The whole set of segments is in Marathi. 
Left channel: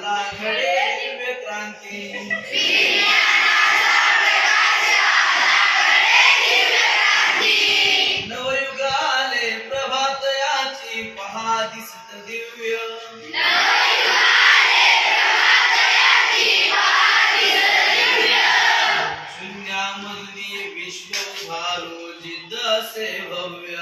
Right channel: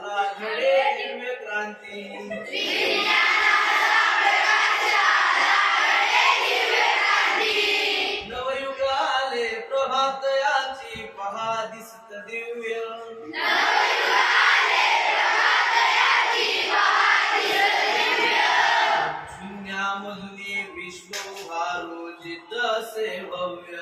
झाला घडे दिव्य क्रांती. नवयुग आले प्रभात याची पहा दिसत दिव्य. शून्यामधुनी विश्व उभारू जिद्द से भव्य.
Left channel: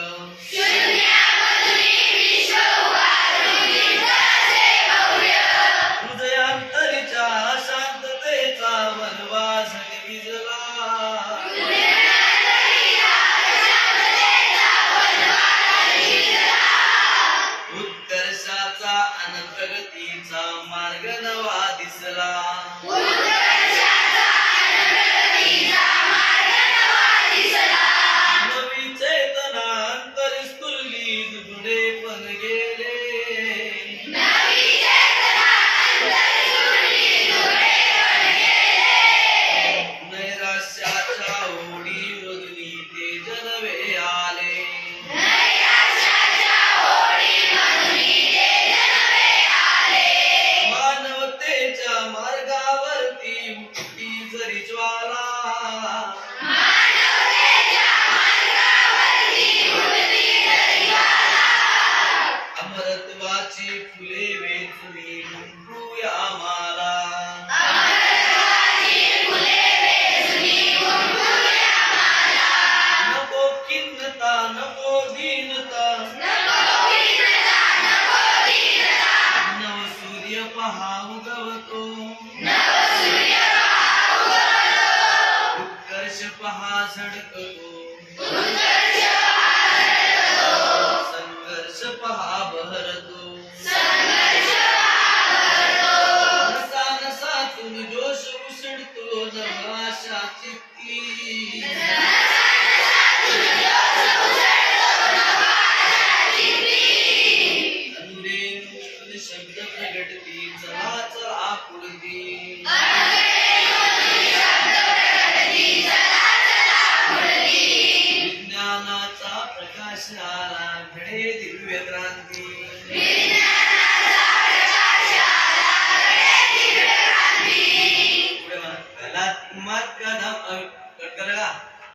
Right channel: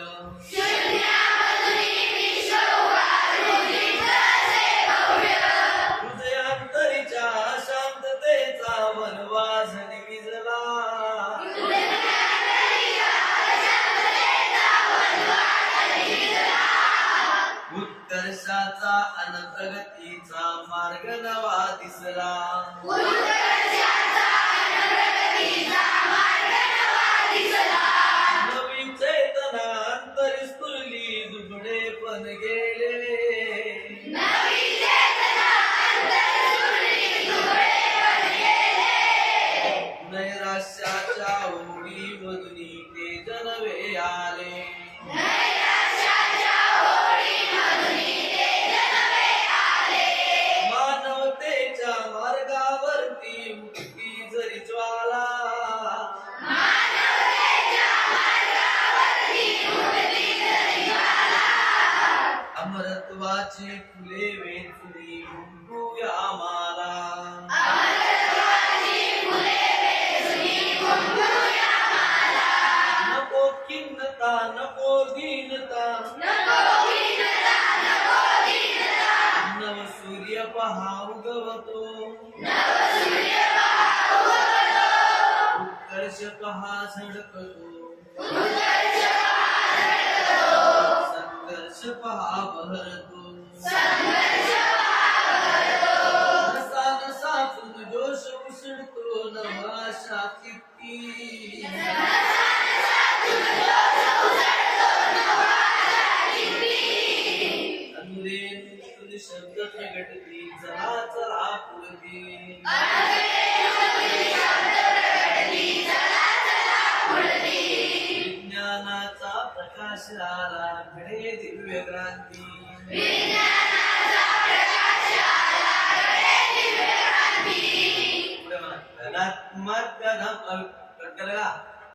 उत्कर्षाचा अन प्रगतीचा मार्ग नवा दिसला. नवी चेतना अंतरी स्फुरली दुबळे पण गेले. जरी ज्वाला अमरत्वाची फुले वेचली गुंफूया माला नको खिन्नता नको दीनता नव सूर्य पहा उगवतो. शब्द प्रगटती चला चला पुढती विज्ञानाचा प्रकाश आला घडे दिव्य क्रांती. चला उम्मत का नाम कट कर